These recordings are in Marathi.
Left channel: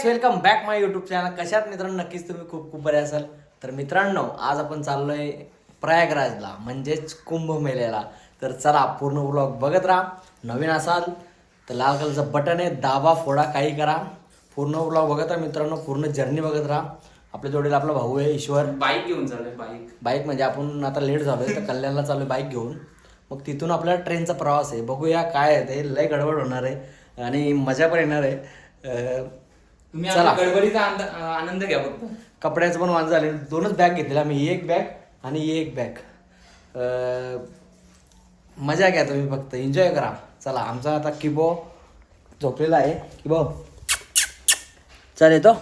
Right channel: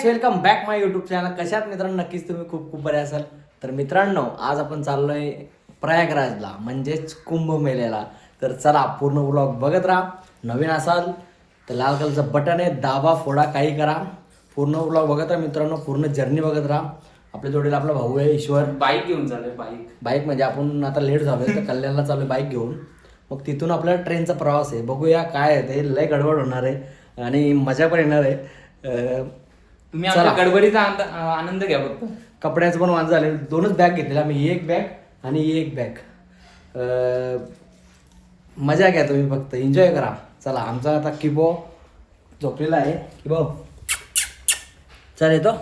Guys welcome back my YouTube channel कशात मित्रांनो नक्कीच तुम्ही खूप खूप बरे असाल. तर मित्रांनो आज आपण चाललोय प्रयागराजला म्हणजेच कुंभमेळ्याला. तर चला पूर्ण व्लॉग बघत राहा. नवीन असाल तर लाल कलरचं बटन आहे दाबा फोडा काही करा. पूर्ण व्लॉग बघत राहा मित्रांनो पूर्ण जर्नी बघत राहा. आपल्या जोडीला आपला भाऊ आहे ईश्वर. बाईक घेऊन चालू बाईक बाईक म्हणजे आपण आता लेट झालोय तर कल्याणला चालू बाईक घेऊन. मग तिथून आपल्याला ट्रेनचा प्रवास आहे. बघूया काय आहे ते. लय गडबड होणार आहे आणि मजा पण येणार आहे. तुम्ही चला. गडबडीचा आंद- आनंद घ्या फक्त. कपड्याचं पण वांज झाले. दोनच बॅग घेतलेला आम्ही ही एक बॅग आणि ही एक बॅग. अं, मजा घ्या तुम्ही फक्त एन्जॉय करा. चला आमचा आता किबो झोपलेला आहे. किबो. चल येतो.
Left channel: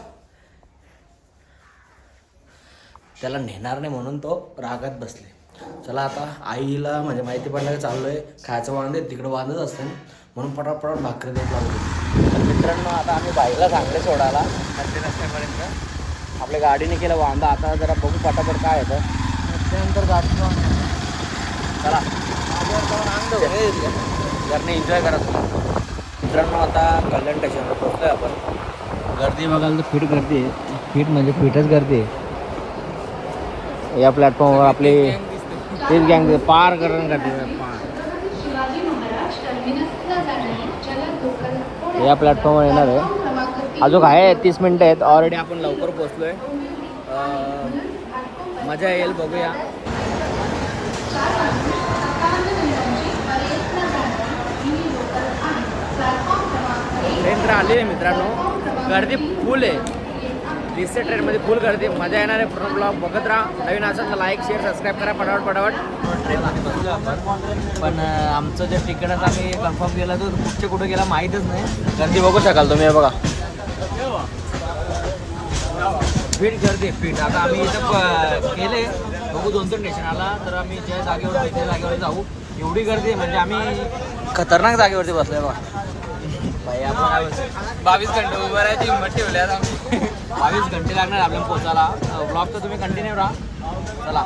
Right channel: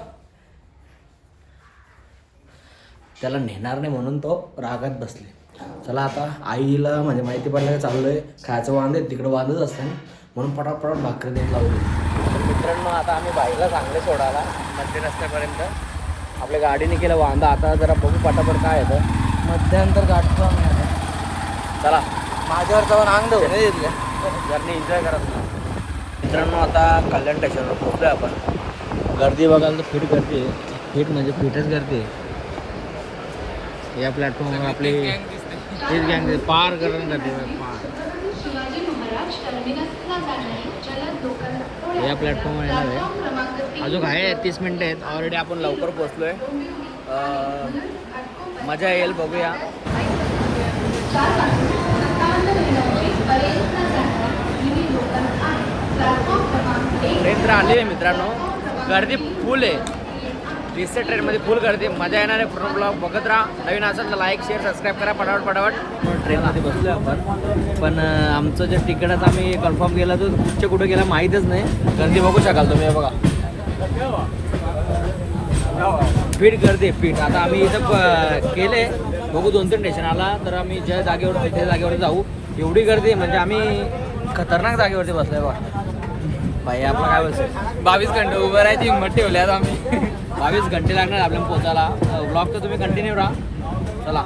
त्याला नेणार नाही म्हणून तो रागात बसले. चला आता आईला म्हणजे माहिती पडलं की चाललोय. खायचं वांद आहे तिकडं वांदच असतं म्हणून पटापट भाकरी देत लावली. तर मित्रांनो आता आम्ही बाईकला चांगले सोडायला. मध्य रस्त्यापर्यंत. आपल्या गाडीने केलं वांदा. आता जरा बघू पटापट काय होतं. मध्यंतर गाडी चला. माझ्यावर जाऊन देऊ जरने एन्जॉय करा तुम्ही. मित्रांनो आता कल्याण स्टेशनवर पोहोचलोय आपण. गर्दी बघायला तर फिट गर्दी आहे. फिट म्हणजे फिटच गर्दी आहे. या प्लॅटफॉर्मवर आपले तेच गँग पार करून गर्दी या प्लॅटफॉर्मवर येणार आहे. अजून आहे तीस मिनटं आहेत. ऑलरेडी आपण लवकर पोचलो आहे मजा येईल बघूया. ट्रेन तर आली आहे मित्रांनो. गर्दी फुल आहे. वीसच्या ट्रेनमध्ये फुल गर्दी. मजा येणार आहे पूर्ण ब्लॉग बघत राहा. नवीन असेल तर लाईक शेअर सबस्क्राईब करा. पटावट पटावट ट्रेनमध्ये बसलो आपण. पण आमचं जे तिकीटच आम्ही कन्फर्म केलं तर कुठचे कुठे गेलं माहीतच नाही. गर्दी बघू शकाल तुम्ही बघा. पीठ गर्दी पीठ आता आम्ही इथं प- केले. बघू दोन तीन स्टेशन आला तर आम्ही ज्या जागेवर त्या जागेवर जाऊ. एवढी गर्दी म्हणजे आम्ही खतरनाक जागेवरती बसलोय बघा. बावीस घंटे उभं राहायची हिंमत ठेवल्यात आता आम्ही. बावीस घंटे लागणार आपल्याला पोचायला ब्लॉग तर तुम्ही कंटिन्यू राहा. चला.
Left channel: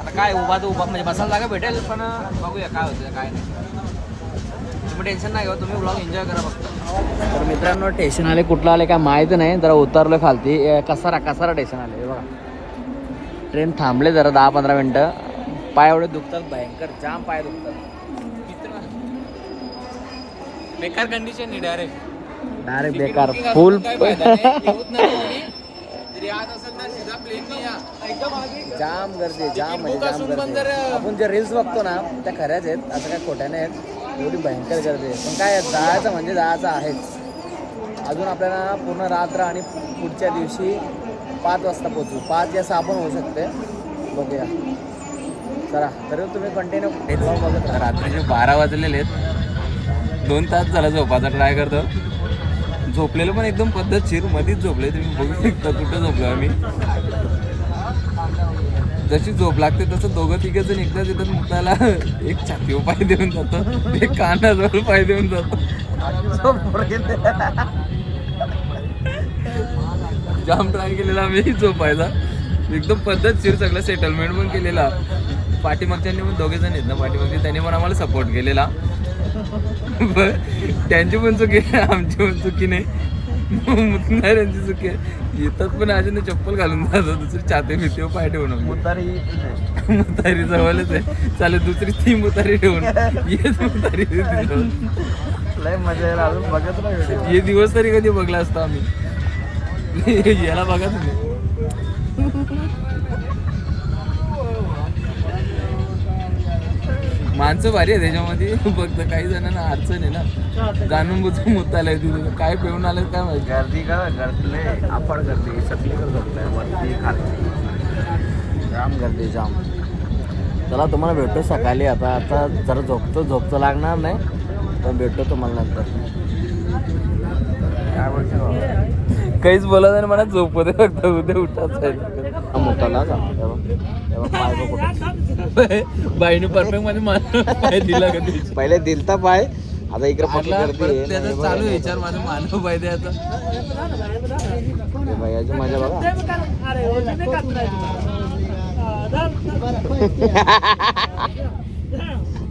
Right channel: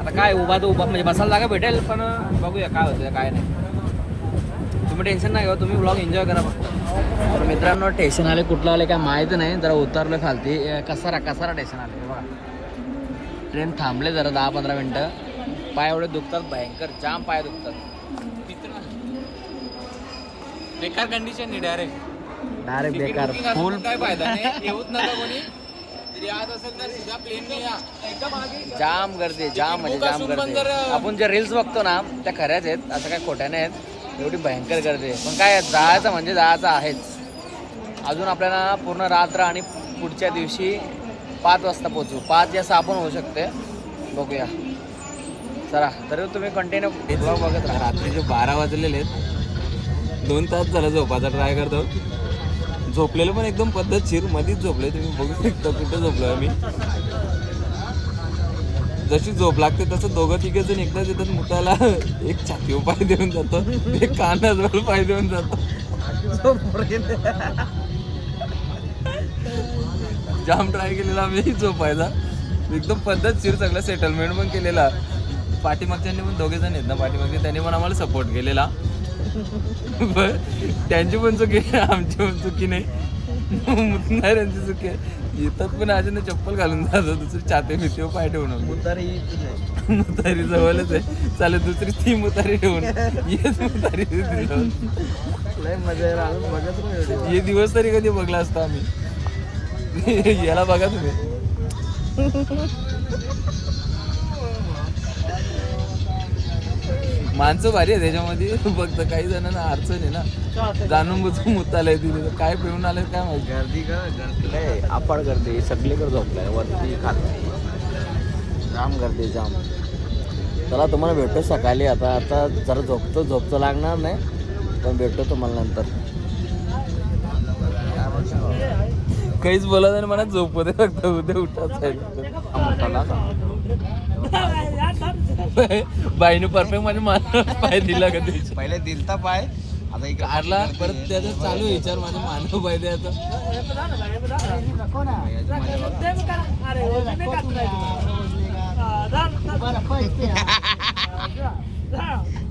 आता काय उभा तर उभा. म्हणजे बसायला जागा भेटेल पण बघूया काय होतं काय नाही. तुम्ही टेन्शन नाही घेऊ तुम्ही ब्लॉग एन्जॉय करा फक्त. तर मित्रांनो स्टेशन आले कुठलं आले काय माहीत नाही. जरा उतरलो खालती. कसारा कसारा स्टेशन आले बघा. ट्रेन थांबले जरा दहा पंधरा मिनटं. पाय एवढे दुखतात भयंकर. जाम पाय दुखतात. बेकार कंडिशन आहे डायरेक्ट अरे बेकार फुल जाम गर्दी जाम म्हणजे जाम गर्दी. आपण जे रील्स बघतो ना त्या खऱ्याच आहेत असं काय खोट्या नाही आहेत एवढी भयंकर गर्दी आहे. पण काय जायचं म्हणजे जायचं आहेच. अजून आपल्याला पूर्ण रात्र आणि पुढच्या दिवशी पाच वाजता पोचू पाच या आपण होऊ शकते बघूया. चला तरी तुम्ही कंटिन्यू बघत राहा रात्रीचे बारा वाजलेले आहेत दोन तास झाला झोपाचा ट्राय करतो. झोपलेलो पण एकदम पद्धतशीर मध्येच झोपले तुम्ही बघू शकता कुठं झोपलो आम्ही. जशी झोप लागते तसं दोघं तिघे जण एकदाच येतात मुताला एक छातीवर पाय देऊन जातो एक कानाजवळ पाय देऊन जातो. जाम ट्राय केलेला आम्ही झोपायचा एकदम पद्धतशीर सगळं सेटलमेंट पण केलेला. पाठीमागच्यांनी पण दोघे जण आहेत ना पाठीमागचे त्यांनी पण आम्हाला सपोर्ट केलेला. त्यांची पण चुकी आमची पण चुकी नाही. मुतणाऱ्यांची चुकी आहे. येतात पण अजून चप्पल घालून जातात दुसरी छाती भीतीवर पाय ठेवून मुतारी जवळच आहे. चालेल दुसरी ती मुतारी ठेवून. येत मुतारी. हे दिवस तरी कधी बघला असता आम्ही. याला बघा तुम्ही. माणसं भारी आहे त्याच्यामध्ये फक्त काही जणांना अडचण आहे ना. जाणून बुजून मुतालय तिथे. काय पिऊन आलं काय माहिती? गर्दी का? गर्दी लय अपार गर्दी सगळीकडे झोपलाय. वरती खाली. जाम गर्दी जाम. चला तुम्हाला भेटतो सकाळी. आता आता जरा झोपतो. झोपतो लागणार नाही. पण भेटतो तुम्हाला नंतर. काहीच बोलत नाही मला झोप दे फक्त उद्या पाय बघू. बाईनं परफेक्ट माझ्या मान पाय दिला कधी पहिले दिलता पाय आता इकडे त्याचा चालू आहे विचार माझा मानव पाहिजे आता. याची मजा बघा.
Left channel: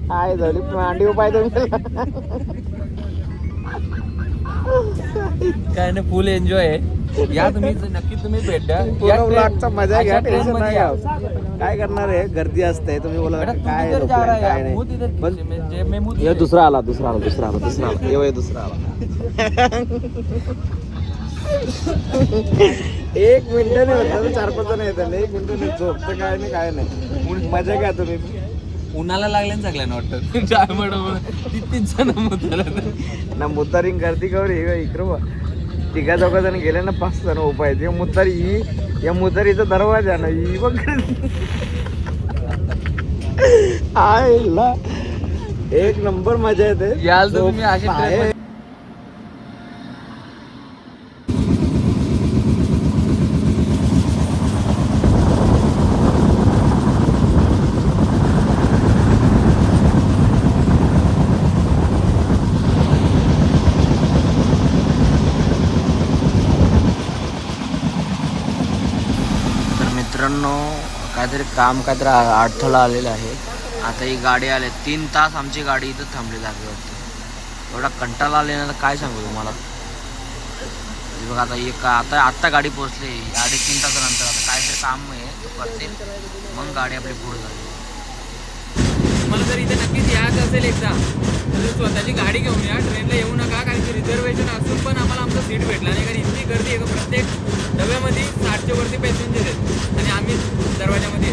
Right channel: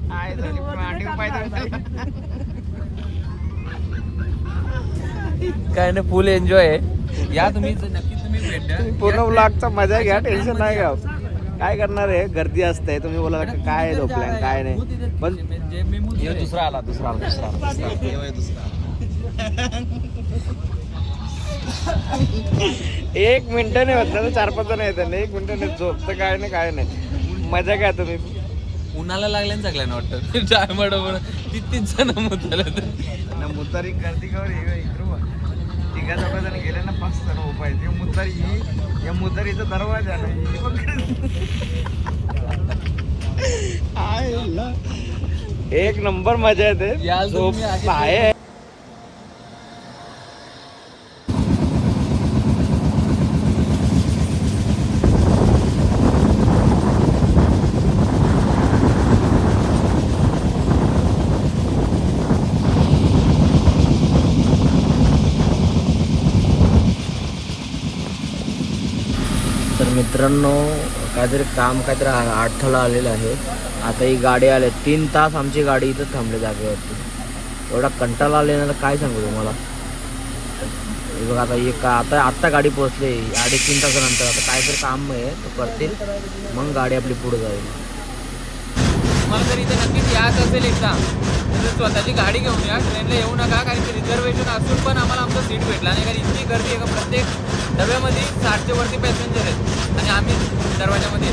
काय झाली मांडी पाय काय नाही फुल एन्जॉय आहे. या तुम्ही नक्की तुम्ही भेट द्या. पूर्ण ब्लॉगचा मजा घ्या टेन्शन नाही घ्या काय करणार आहे? गर्दी असते तुम्ही बोला काय झोपलाय काय नाही. पण हे दुसरा आला दुसरा आला दुसरा आला दुसरा आला. दुसरा आला. एक मिनिट नाही होत चार पाच जण येतात एक मिनिट नाही झोपतं काय नाही काय नाही. मजा घ्या तुम्ही. उन्हाला लागल्या ना सगळ्यांना वाटतं. जाय बरोबर ती तीच जण मुद्दा ना मुतारिंग गर्दी कवर हे इकडं. तिघा चौघा जण गेले ना पाच जण उपाय ते मुतारी ही या मुतारीचा दरवाजा ना ही बघ. आयला. एक नंबर मजा येते. झोप आधी आहे तर मित्रांनो काहीतरी काम काहीतरी अडथळा आलेला आहे. आता ही गाडी आले तीन तास आमची गाडी इथं थांबली जागेवरती. एवढा कंटाळा आले ना तर काय सांगू तुम्हाला? हे बघा आता एक आता आत्ता गाडी पोहोचली. अडीच तीन तासानंतर. आता काहीतरी काम आहे तो करतील. मग गाडी आपली पुढे जाईल. मला जर इथे नक्कीच यायचं असेल एकदा तर स्वतःची गाडी घेऊन या. ट्रेनला येऊ नका कारण की रिझर्वेशन असून पण आम्हाला आमचं सीट भेटला नाही. कारण इतकी गर्दी आहे प्रत्येक डब्यामध्ये? साठच्या वरती पॅसेंजर आहेत आणि आम्ही दरवाजामध्ये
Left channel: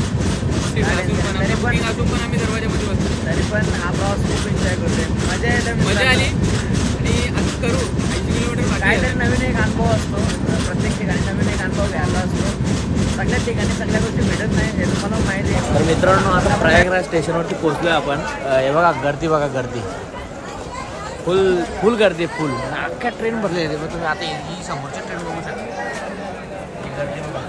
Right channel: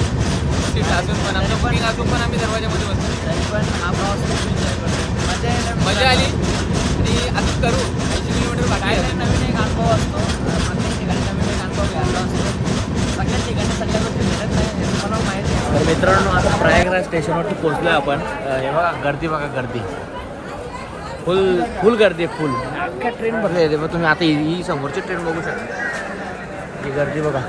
सीट असून पण पण आम्ही दरवाजामध्ये बसतो. तरी पण हा प्रवास खूप एन्जॉय करतोय. मजा येते मजा आली. आणि करू. किलोमीटर काहीतरी आहे. नवीन एक अनुभव असतो. प्रत्येक ठिकाणी नवीन एक अनुभव घ्यायचा असतो. सगळ्या ठिकाणी सगळ्या गोष्टी भेटत नाही हे तुम्हाला माहिती आहे. तर मित्रांनो आता प्रयागराज स्टेशनवरती पोहोचलोय आपण. अं, हे बघा गर्दी बघा गर्दी. फुल फुल गर्दी आहे फुल अख्ख्या ट्रेन भरली आहे. मग तुम्ही आता ही समोरची ट्रेन बघू शकता. ही गर्दी बघा.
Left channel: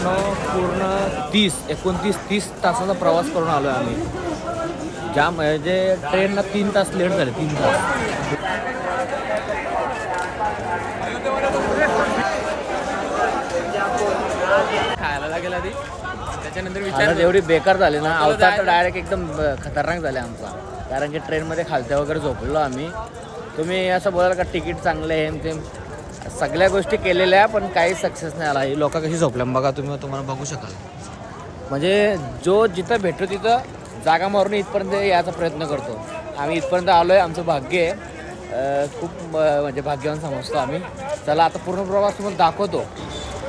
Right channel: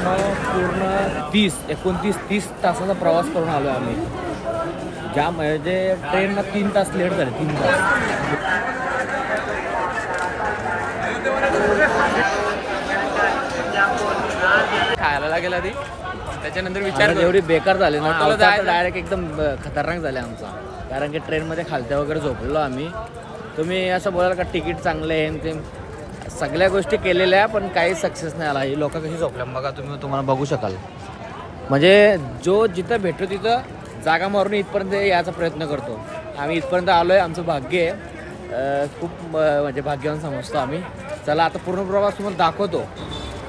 पूर्ण तीस एकोणतीस तीस तासाचा प्रवास करून आलो आहे आम्ही. ज्या म्हणजे ट्रेनला तीन तास लेट झाले तीन तास. खायला लागेल आधी. त्याच्यानंतर विचार. एवढी बेकार झाली ना अवतार जायला- डायरेक्ट एकदम खतरनाक झाले आमचा. कारण की ट्रेनमध्ये खालत्या वगैरे झोपलेलो आम्ही. तुम्ही असं बोलाल का तिकीट चांगले आहे सगळ्या गोष्टी केलेल्या पण काही सक्सेस नाही आला. ही लोक कशी झोपले बघा तुम्ही तुम्हाला बघू शकाल. म्हणजे जो जिथं भेटतो तिथं जागा मारून इथपर्यंत यायचा प्रयत्न करतो. आम्ही इथपर्यंत आलो आहे आमचं भाग्य आहे. खूप म्हणजे भाग्यवान समजतो आम्ही. चला आता पूर्ण प्रवास तुम्हाला दाखवतो.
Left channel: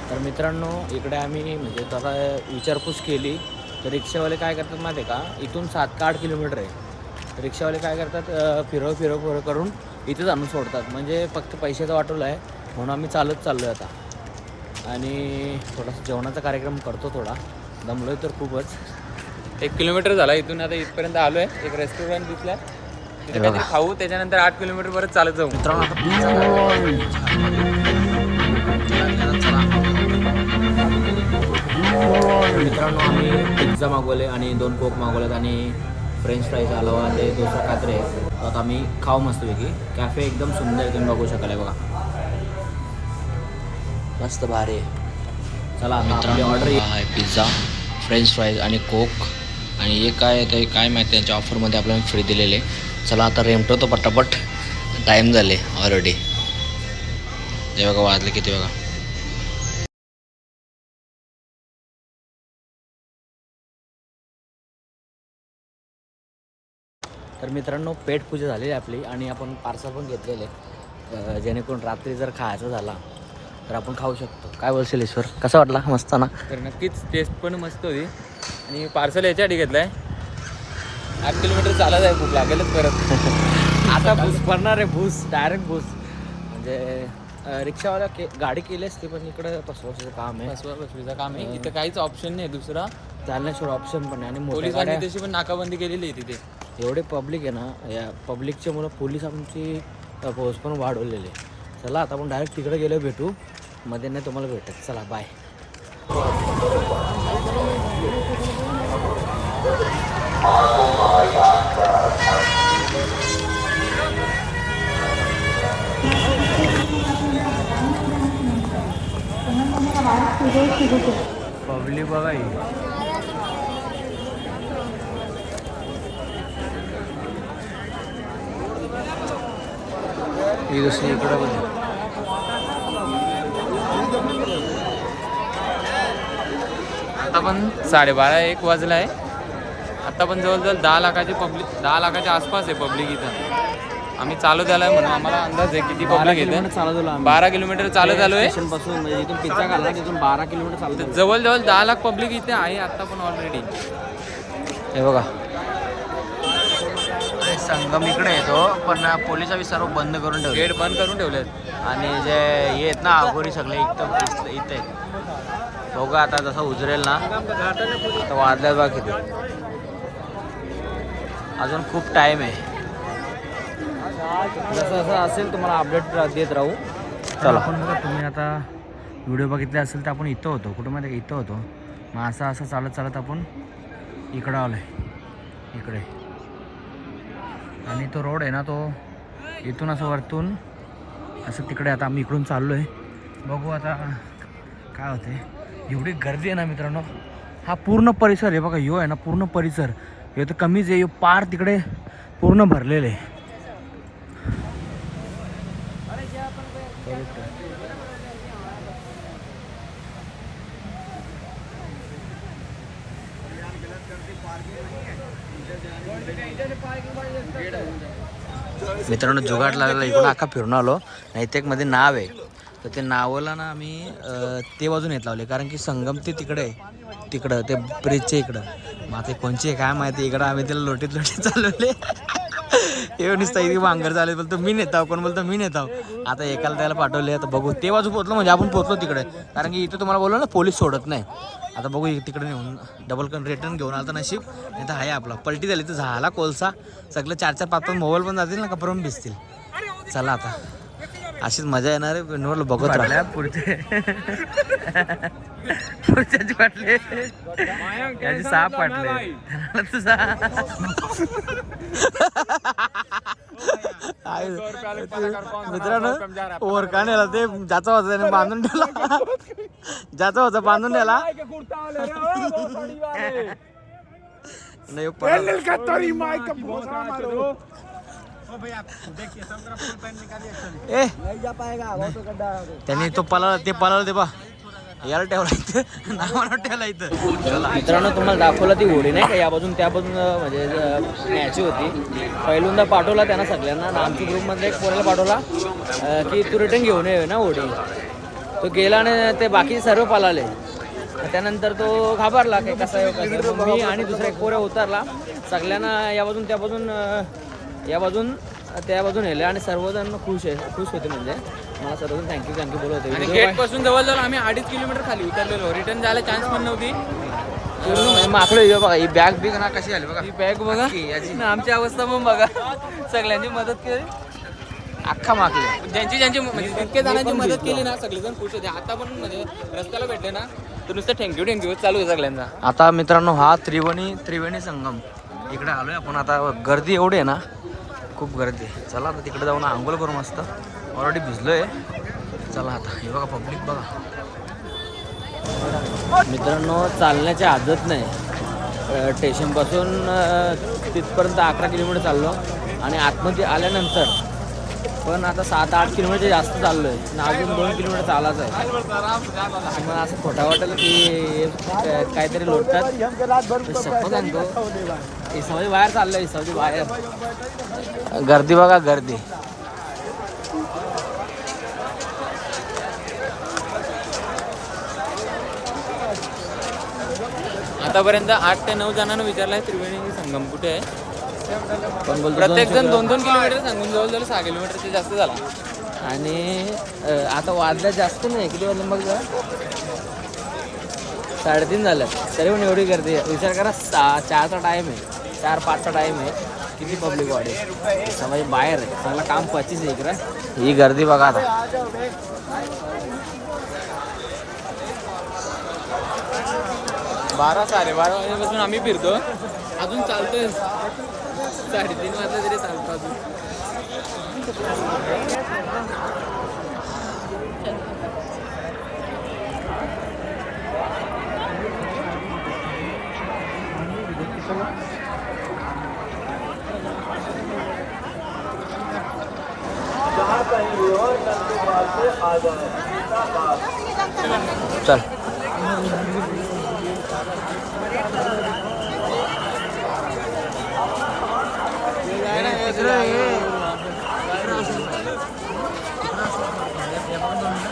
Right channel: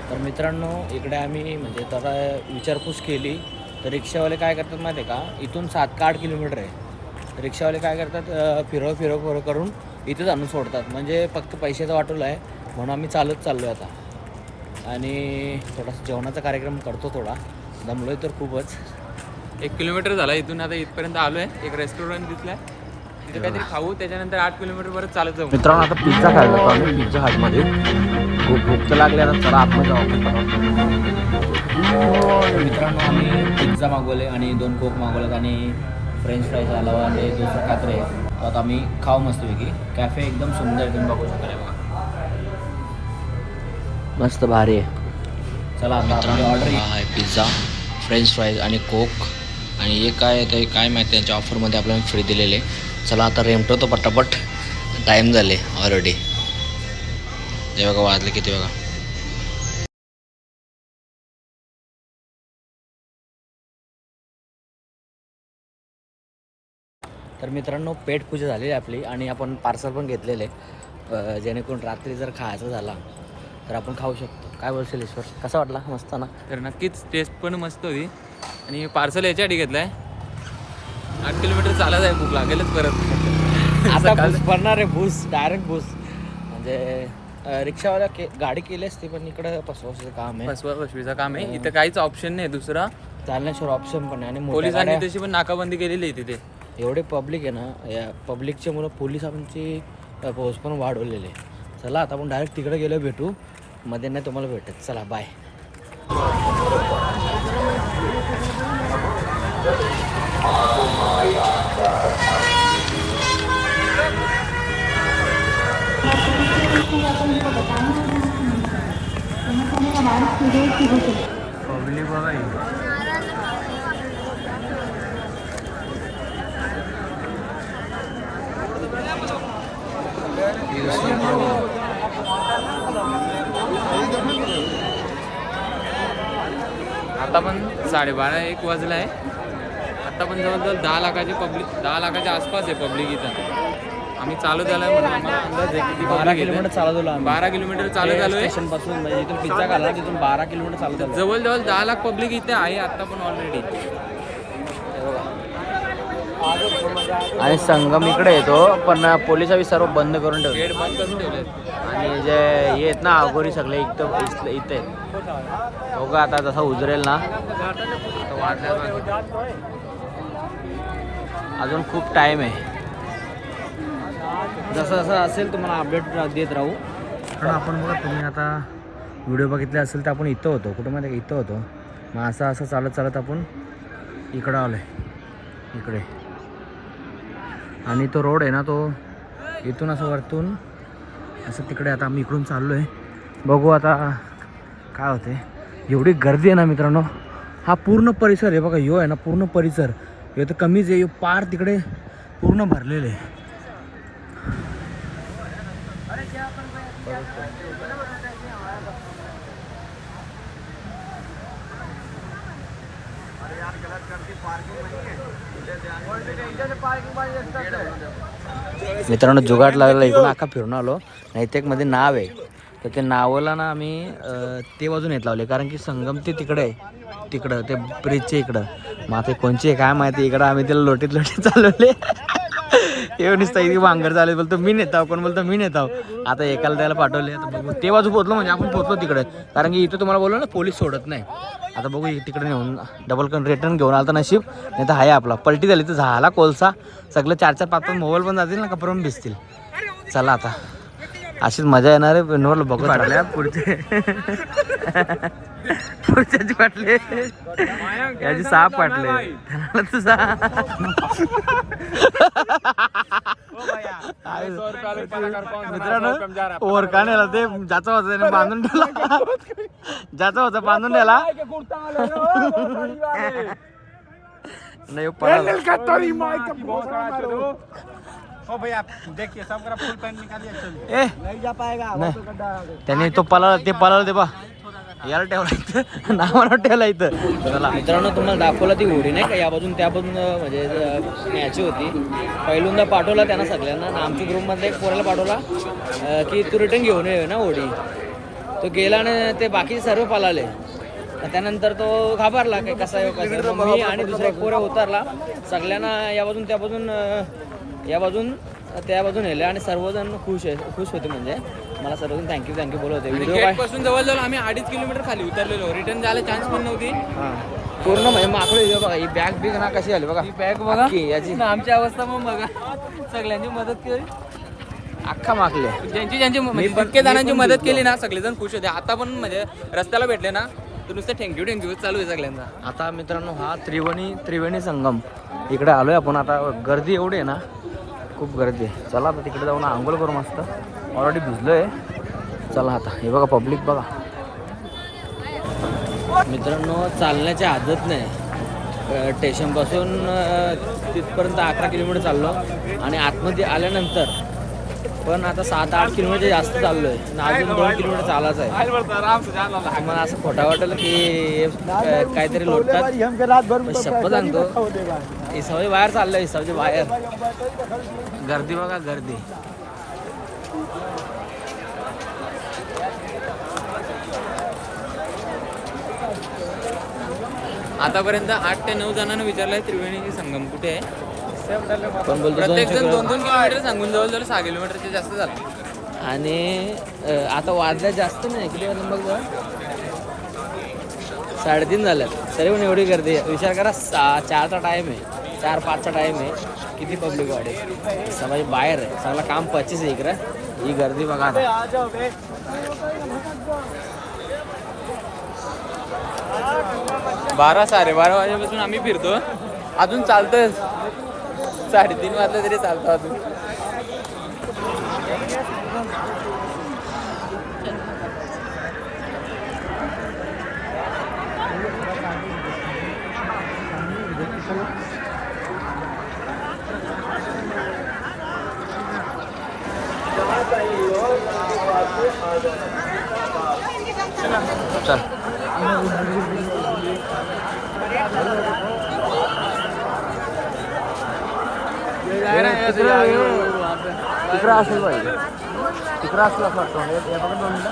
तर मित्रांनो इकडे आम्ही म्हणजे तसा विचारपूस केली. तर रिक्षावाले काय करतात माहिती आहे का? इथून सात का आठ किलोमीटर आहे. रिक्षावाले काय करतात? फिरव फिरव फिरव करून इथेच आणून सोडतात. म्हणजे फक्त पैशाचं वाटवलं आहे. म्हणून आम्ही चालत चाललो आहे आता. आणि थोडा जेवणाचा कार्यक्रम करतो थोडा. दमलो आहे तर खूपच. एक किलोमीटर झाला इथून आता इथपर्यंत आलोय. एक रेस्टॉरंट तिथे काहीतरी खाऊ त्याच्यानंतर आठ किलोमीटर परत चालत जाऊ. मित्रांनो आता पिझ्झा खायला पिझ्झा चला आपण जाऊ. मित्रांनो आम्ही पिझ्झा मागवले आणि दोन कोक मागवलेत आणि फ्रेंच फ्राईज अलावा ते दुसरं कात्रे तर आता आम्ही खाऊ मस्तपैकी. कॅफे एकदम सुंदर आहे तुम्ही बघू शकाल बघा मस्त भारी आहे. चला आता आपली ऑर्डर आहे पिझ्झा फ्रेंच फ्राईज आणि कोक आणि हे काय ते काय माहिती त्यांच्या ऑफरमध्ये आपल्याला फ्री दिलेले. चला आता रेमटो पटापट. टाईम झाले ऑलरेडी हे बघा वाजले किती बघा. तर मित्रांनो पेट पूजा झालेली आपली आणि आपण पार्सल पण घेतलेले. जेणेकरून रात्री जर खायचं झाला तर आपण खाऊ शकतो. काय बोलशील ईश्वर कसा वाटला? मस्त ना? तर नक्कीच टेस्ट पण मस्त होती. आणि पार्सल याच्यासाठी घेतलाय. आठ किलोमीटर चालत आहे भूक लागेलच परत. आता भूस पडणार आहे भूस डायरेक्ट भूस. म्हणजे रिक्षावाला के गाडी केली असते पण इकडं पसवायचं काम आहे. फसवा फसवीचं काम आहे. इथं काहीच ऑप्शन नाही दुसरा. चालण्याशिवाय ऑप्शन पण आहे आणि मोठ्या पोलिसांनी गाड्या तशी पण नाकाबंदी केलेली आहे तिथे. एवढे पब्लिक आहे ना या पब्लिकच्या मुलं पोलिसांची फौज पण वाढवलेली आहे. चला आता आपण डायरेक्ट तिकडे गेलो भेटू. मध्ये नाही तुम्हाला भेटत. चला बाय पब्लिक बघा ही दुसरी इकडं बघा. आता पण साडेबारा एक वाजला आहे आता पण जवळजवळ दहा लाखाची पब्लिक दहा लाखाच्या आसपास आहे पब्लिक इथं. आम्ही चालू झालं म्हणून आम्हाला अंदाज आहे किती बारा. किलोमीटर आलो आम्ही. बारा किलोमीटर चालू झालो आहे स्टेशनपासून म्हणजे इथून पिझ्झा खाल्ला तिथून बारा किलोमीटर चालत आलो जवळजवळ दहा लाख पब्लिक इथे आहे आता पण ऑलरेडी हे बघा. आणि संगम इकडे येतो पण पोलिसांनी सर्व बंद करून ठेवले. गेट बंद करून ठेवले आणि जे हे आहेत ना अगोरी सगळे इथं इथं इथे आहेत. बघा आता जसं उजरेल ना आता वाजल्या बघ अजून खूप टाईम आहे. जसं जसं असेल तुम्हाला अपडेट देत राहू. तर आपण बघा तुम्ही आता व्हिडिओ बघितले असेल तर आपण इथं होतो. कुठं माहिती इथं होतो. मग असं असं चालत चालत आपण इकडं आलो आहे इकडे. आणि तो रोड आहे ना तो इथून असं वरतून असं तिकडे आता आम्ही इकडून चाललो आहे बघू आता काय होते. एवढी गर्दी आहे ना मित्रांनो. हा पूर्ण परिसर आहे बघा यो आहे ना पूर्ण परिसर. हे तर कमीच आहे यो पार तिकडे पूर्ण भरलेलं आहे. मित्रांनो जुगाट लागला इकडून अख्खा फिरून आलो. नैतिकमध्ये नाव आहे. तर ते नावाला ना आम्ही ते बाजून येत लावले. कारण की संगम ते तिकडे आहे. तिकडं ते ब्रिजच्या इकडं. मग आता कोणची काय माहिती? इकडं आम्ही त्याला लोटीत लोटीत चालवले. एवढी नुसतं इथे वांगर चालले बोलतो मी नेताव कोण बोलतो मी नेताव आता एकाला त्याला पाठवले आता बघू. ते बाजू पोहोचलो म्हणजे आपण पोहोचलो तिकडे. कारण की इथं तुम्हाला बोललो ना पोलीस सोडत नाही. आता बघू तिकडे नेऊन डबल कन रिटर्न घेऊन आला तर नशीब. नाही तर आहे आपला. पलटी झाली तर झाला कोलसा. सगळं चार चार पाच पाच मोबाईल पण जातील ना कपरून पण भिजतील. चला आता. अशीच मजा येणार आहे पेनवर बघत राहिल्या पुढचे. पुढच्याची पाटले याची सहा पाटले त्याला तुझा मित्रांनो ओरका नेला ते ज्याचा होता त्याने बांधून ठेवला. ज्याचा होता बांधून ठेवला. नाही पळाला ए। नाही. त्यांनी तो पळाला ते पळाला ते बा। याला ठेवला इथं नावानं ठेवला इथं. चला. मित्रांनो तुम्हाला दाखवला ती होडी नाही का? या बाजून त्या बाजून अं, म्हणजे न्यायची होती. पहिल्यांदा पाठवला त्यांना सगळ्यांना. आणि आमच्या ग्रुपमधल्या एक पोराला पाठवला. अं, की तू रिटर्न घेऊन ये ना होडी. तो गेला आणि ते बाकी सर्व पळाले तर त्यानंतर तो घाबरला की कसा आहे हो, कसा आहे. मग मी आणि दुसरा एक पोऱ्या उतरला. सगळ्यांना या बाजून त्या बाजून अं, या बाजून त्या बाजून नेले आणि सर्वजण खुश आहे खुश होते म्हणजे. मला सर्वजण थँक्यू थँक्यू बोलत होते. व्हिडिओ काय? पासून जवळजवळ आम्ही अडीच किलोमीटर खाली उतरलेलो. रिटर्न जायला चान्स पण नव्हती. पूर्ण म्हणजे मागलं व्हिडिओ बघा ही बॅग बिग ना कशी झाली बघा. ही बॅग बघा. याची. ना आमची अवस्था पण बघा. सगळ्यांची मदत केली. अख्खा मागले ज्यांची ज्यांची म्हणजे पण- जितके मी जणांची मदत. केली ना सगळेजण खुश होते. आता पण म्हणजे रस्त्याला भेटले ना तर नुसतं थँक्यू थँक्यू चालू आहे सगळ्यांना आता मित्रांनो हा त्रिवेणी त्रिवेणी संगम. इकडे आलोय आपण. आता गर्दी एवढी आहे ना खूप गर्दी आहे. चला आता तिकडे जाऊन आंघोळ करू मस्त. ऑलरेडी भिजलो आहे चला आता. हे बघा पब्लिक बघा. मित्रांनो चालण्याची आदत नाही. स्टेशनपासून तिथपर्यंत अकरा किलोमीटर चाललो. आणि आतमध्ये आल्यानंतर पण आता सात आठ किलोमीटर जास्त चाललो आहे आणि अजून दोन किलोमीटर चालायचं आहे. तुम्हाला असं खोटा वाटेल की काहीतरी लोटतात. शप्प सांगतो इसावची बाहेर चाललं इसावची बाहेर. गर्दी बघा गर्दी. आतापर्यंत आठ ते नऊ जणांना विचारलंय त्रिवेणी संगम कुठे आहे? पण बोलतो दोन दोन किलोमीटर सांगून जवळजवळ सहा किलोमीटरचे जास्त झाला. आणि आता वाजल्या जास्त नाही किती वाजले मग? साडेतीन झाल्यात. तरी पण एवढी गर्दी विचार करा सा चारचा टाईम आहे. चार पाचचा टाईम आहे. किती पब्लिक वाढेल? सगळं बाहेर आहे. सगळं काम पचीस आहे इकडं. ही गर्दी बघा आता. बारा साडे बारा वाजेपासून आम्ही फिरतो. अजून चालतोय. साडेतीन वाजता तरी चालतो अजून. Thank you. चल. तिकडं तिकडं असेल पाहिजे. तिकडं असेल असं वाटतं. हे- बघा दोन मिनिटं.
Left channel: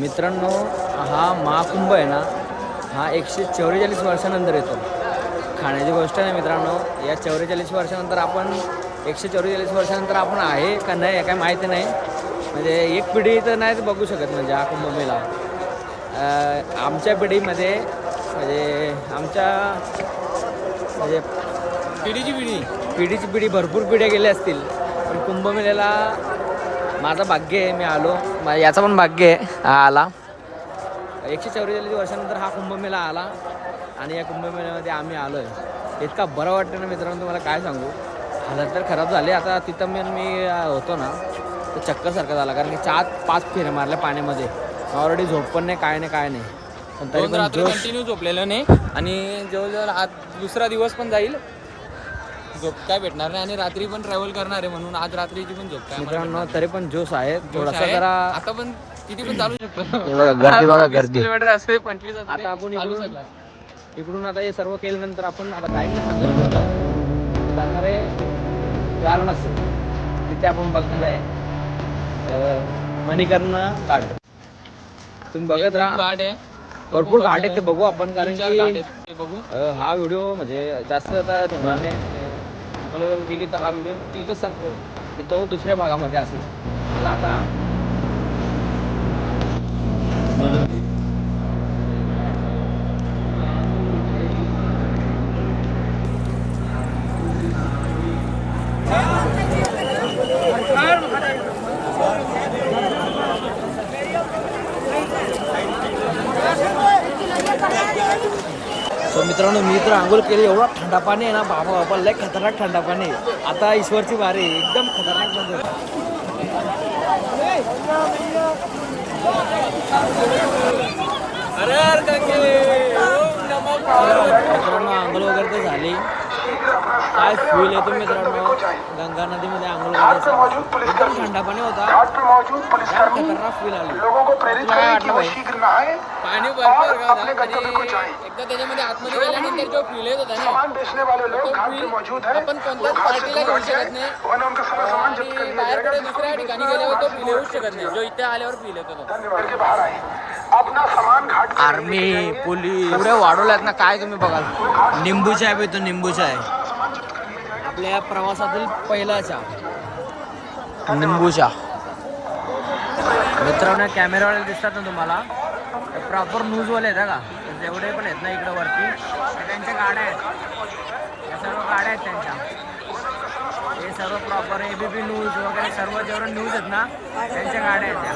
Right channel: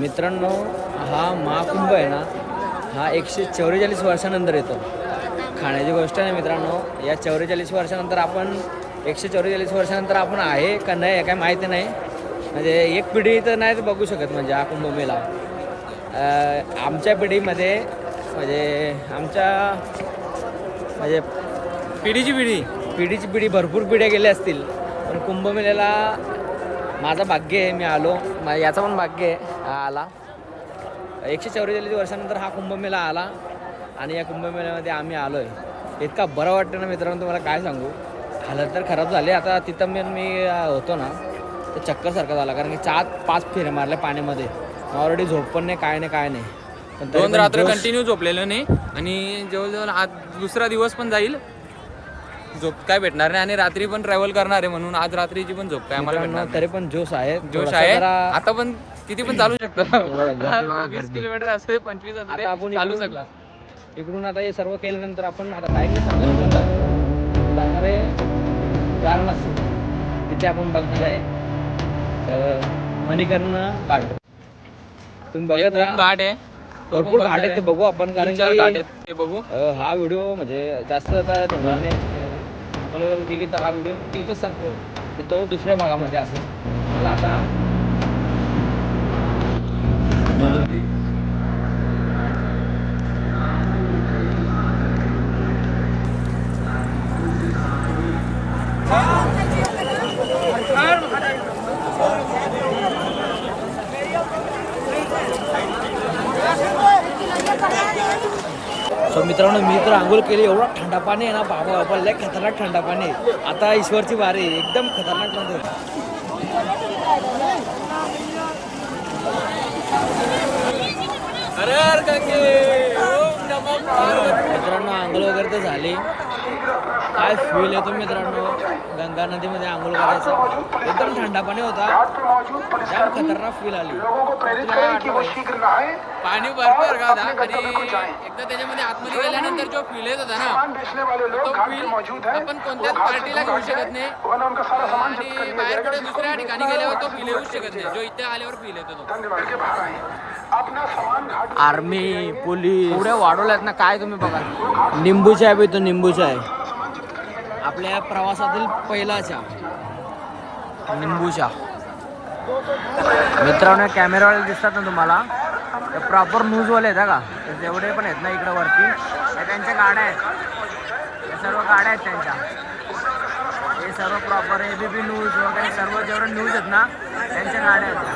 मित्रांनो हा महाकुंभ आहे ना हा एकशे चौवेचाळीस वर्षानंतर येतो. खाण्याची गोष्ट नाही मित्रांनो या चौवेचाळीस वर्षानंतर आपण एकशे चौवेचाळीस वर्षानंतर आपण आहे का नाही काय माहिती नाही. म्हणजे एक पिढी तर नाही बघू शकत म्हणजे हा कुंभमेळा. अं, आमच्या पिढीमध्ये म्हणजे आमच्या म्हणजे पिढीची पिढी. पिढीची पिढी भरपूर पिढ्या गेल्या असतील. पण कुंभमेळ्याला माझं भाग्य आहे मी आलो. याचं पण भाग्य आहे हा आला. एकशे चौवेचाळीस वर्षानंतर हा कुंभमेळा आला आणि या कुंभमेळ्यामध्ये आम्ही आलो आहे इतका बरं वाटतं ना मित्रांनो तुम्हाला काय सांगू? हालत तर खराब झाले. आता तिथं मी मी होतो ना तर चक्करसारखा झाला. कारण की चार पाच फेऱ्या मारल्या पाण्यामध्ये. ऑलरेडी झोप पण नाही काय नाही काय नाही. पण तरी कंटिन्यू झोपलेलं नाही. आणि जवळजवळ आज दुसरा दिवस पण जाईल. झोपताय भेटणार नाही आणि रात्री पण ट्रॅव्हल करणार आहे म्हणून आज रात्रीची पण झोप काय आम्हाला मित्रांनो भेटणार तरी पण जोश आहे. नाही. जोश थोडासा आहे. जरा आता पण किती पण चालू गर्दी बघा, शकतो गर्दी. किलोमीटर असते पंचवीस असते आता आपण चालू इकडून- शकला. इकडून आता हे सर्व केल्यानंतर आपण आता काय नाही सांगू शकत जाणारे तिथे आपण बघणार आहे अं, मणिकर्ण घाट. तुम्ही बघत राहा. घाट आहे. भरपूर घाट आहेत ते बघू आपण कारण तीन चार की घाट आहेत ते बघू. अं, हा व्हिडिओ म्हणजे जास्त आता नाही. म्हणून गेली तर आम्ही तिथंच सांगतो की तो दुसऱ्या भागामध्ये असेल. आता. सो मित्रांनो मी तर आंघोळ केली एवढा थंडा पाणी आहे ना बाबा बाबा लय खतरनाक थंडा पाणी आहे. आता ईश्वरची वारी एकदम खतरनाक पार्वती। मित्रांनो आंघोळ वगैरे तर झाली. काय फील येतो मित्रांनो. गंगा नदीमध्ये आंघोळ करायचा. एकदम थंडा पाणी होता. जाम खतरनाक फील आली. पाणी भरपूर का होता आणि एकदा त्याच्यामध्ये आतमध्ये गेल्यानंतर जो फील येत होता ना तो फील आपण कोणत्याच पार्टीला घेऊ शकत नाही. आणि बाहेर कुठे दुसऱ्या ठिकाणी गेल्यावर तो फील येऊच शकत नाही. जो इथे आल्यावर फील येतो तो आर्मी पोलीस एवढे वाढवल्यात ना काय तुम्ही बघाल? निंबू चाय पितो निंबू चाय आपल्या प्रवासातील पहिला चहा निंबू चहा मित्रांनो कॅमेरावाले दिसतात ना तुम्हाला? ते प्रॉपर न्यूजवाले आहेत का? ते जेवढे पण आहेत ना इकडं वरती हे त्यांच्या गाड्या आहेत. या सर्व गाड्या आहेत त्यांच्या. हे सर्व proper A B P news वगैरे सर्व जेवढे न्यूज आहेत ना त्यांच्या गाड्या आहेत त्या.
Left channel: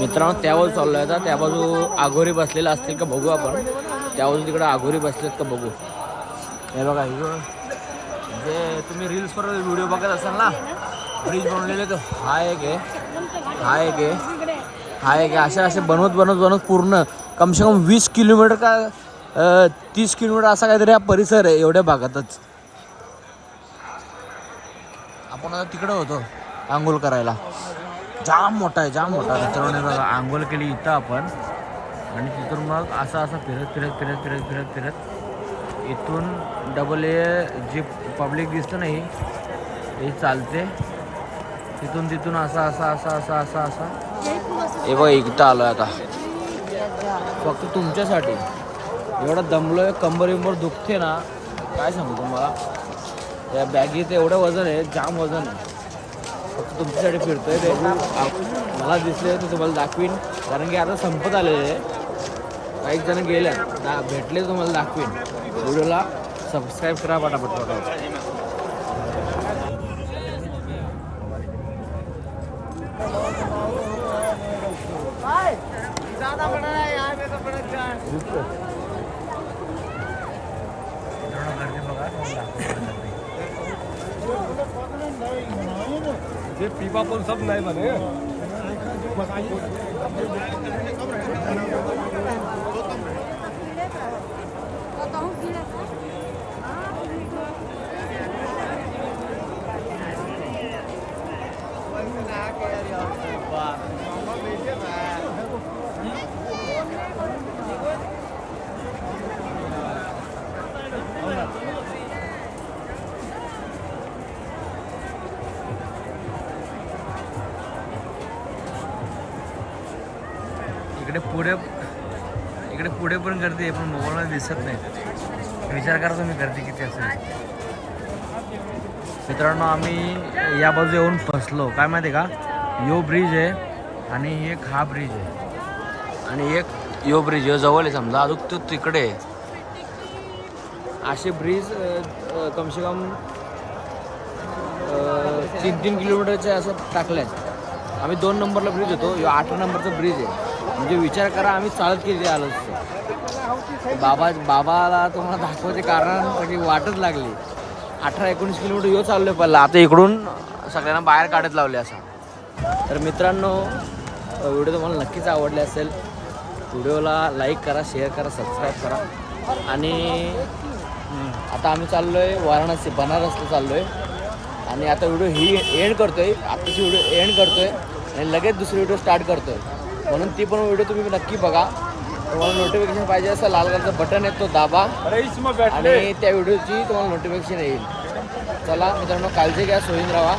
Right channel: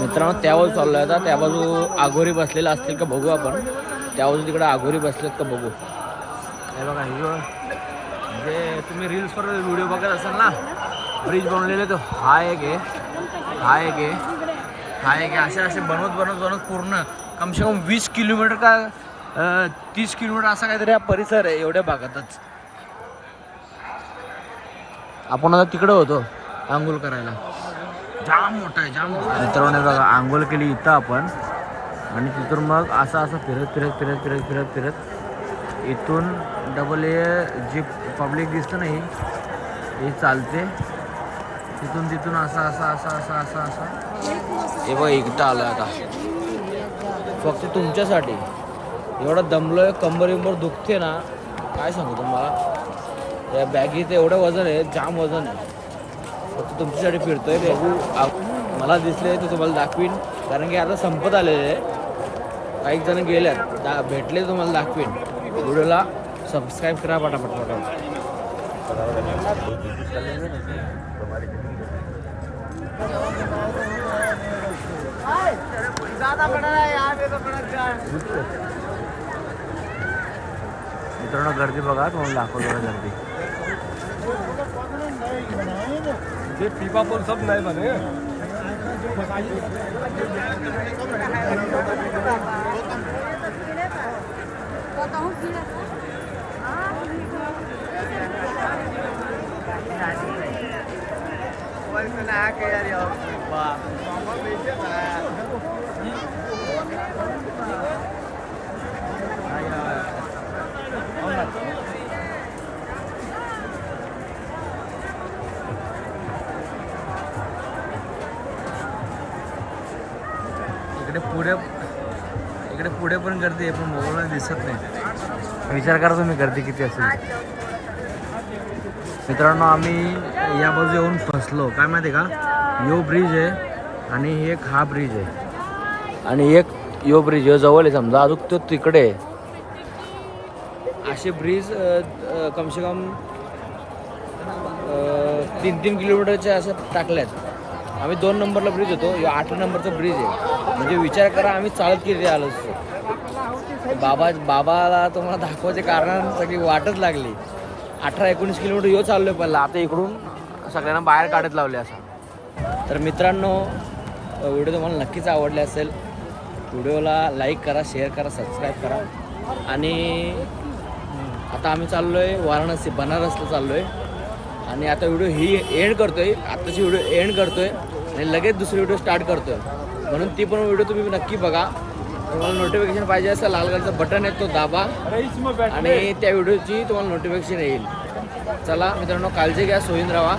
मित्रांनो त्या बाजू आहे आता. त्या बाजू आघोरी बसलेला असतील का बघू आपण. त्या बाजू तिकडं आघोरी बसलेत का बघू. हे बघा हिरो म्हणजे जे तुम्ही रील्सवर व्हिडिओ बघत असाल ना ब्रिज बनवलेले तो हा एक आहे. हा एक आहे. हा एक आहे. असे असे बनवत बनवत बनवत पूर्ण कमसे कम वीस किलोमीटर का तीस किलोमीटर असा काहीतरी हा परिसर आहे एवढ्या भागातच. आपण आता तिकडं होतो आंघोळ करायला. जाम मोठा आहे जाम मोठा. मित्रांनो बघा आंघोळ केली इथं आपण. आणि तिथून मग असं असं फिरत फिरत फिरत फिरत फिरत फिरत इथून डबल ए जी पब्लिक दिसतं नाही हे चालते. तिथून तिथून असं असं असं असं असं असं. हे बघ एकदा आलं आता. फक्त तुमच्यासाठी. एवढं दमलोय कंबर विंबर दुखते ना काय सांगू तुम्हाला? या बॅगीत एवढं वजन आहे जाम वजन आहे. फक्त तुमच्यासाठी फिरतोय बघू. मला दिसले ते तुम्हाला दाखवीन. कारण की आता संपत आलेले आहे. काही जण गेल्यात. दा भेटले तुम्हाला दाखवीन. व्हिडिओला सबस्क्राईब करा पटापट पटापट मित्रांनो गर्दी बघा दोन लाख गर्दी ये पीपा पोल सब नए बने इकडे पुढे इकडे पुढे पण गर्दी आहे पण मोबाईलमध्ये दिसत नाही. विचार करा तुम्ही गर्दी किती असेल. मित्रांनो आम्ही या बाजू येऊन फसलो. काय माहिती आहे का? यो ब्रिज आहे आणि एक हा ब्रिज आहे. आणि एक यो ब्रिज यो जवळ आहे समजा. अजून तो तिकडे आहे. असे ब्रिज कमसे कम तीन तीन किलोमीटरचे असं टाकल्यात आम्ही दोन नंबरला ब्रिज होतो. यो आठ नंबरचा ब्रिज आहे. म्हणजे विचार करा आम्ही चालत किती आलो असतो. बाबा बाबाला तुम्हाला दाखवायचे कारण सगळी वाटच लागली. अठरा एकोणीस किलोमीटर यो चाललोय पल्ला. आता इकडून सगळ्यांना बाहेर काढत लावले असा. तर मित्रांनो व्हिडिओ तुम्हाला नक्कीच आवडले असेल. व्हिडिओला लाईक करा शेअर करा सबस्क्राईब करा. आणि आता आम्ही चाललो आहे वाराणसी बनारसला चाललो आहे आणि आता व्हिडिओ ही एंड करतो आहे आत्ताची व्हिडिओ एंड करतो आहे आणि लगेच दुसरी व्हिडिओ स्टार्ट करतो आहे म्हणून ती पण व्हिडिओ तुम्ही नक्की बघा. तुम्हाला नोटिफिकेशन पाहिजे असेल लाल कलरचं बटन आहे तो दाबा. आणि त्या व्हिडिओची तुम्हाला नोटिफिकेशन येईल. चला मित्रांनो काळजी घ्या सोयीन राहा.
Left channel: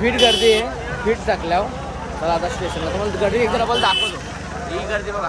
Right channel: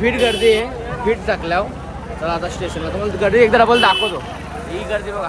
फिट गर्दी आहे. फिट टाकल्यावर. चला आता स्टेशनला तुम्हाला गर्दी एकदा आपण दाखवतो. ही गर्दी बघा.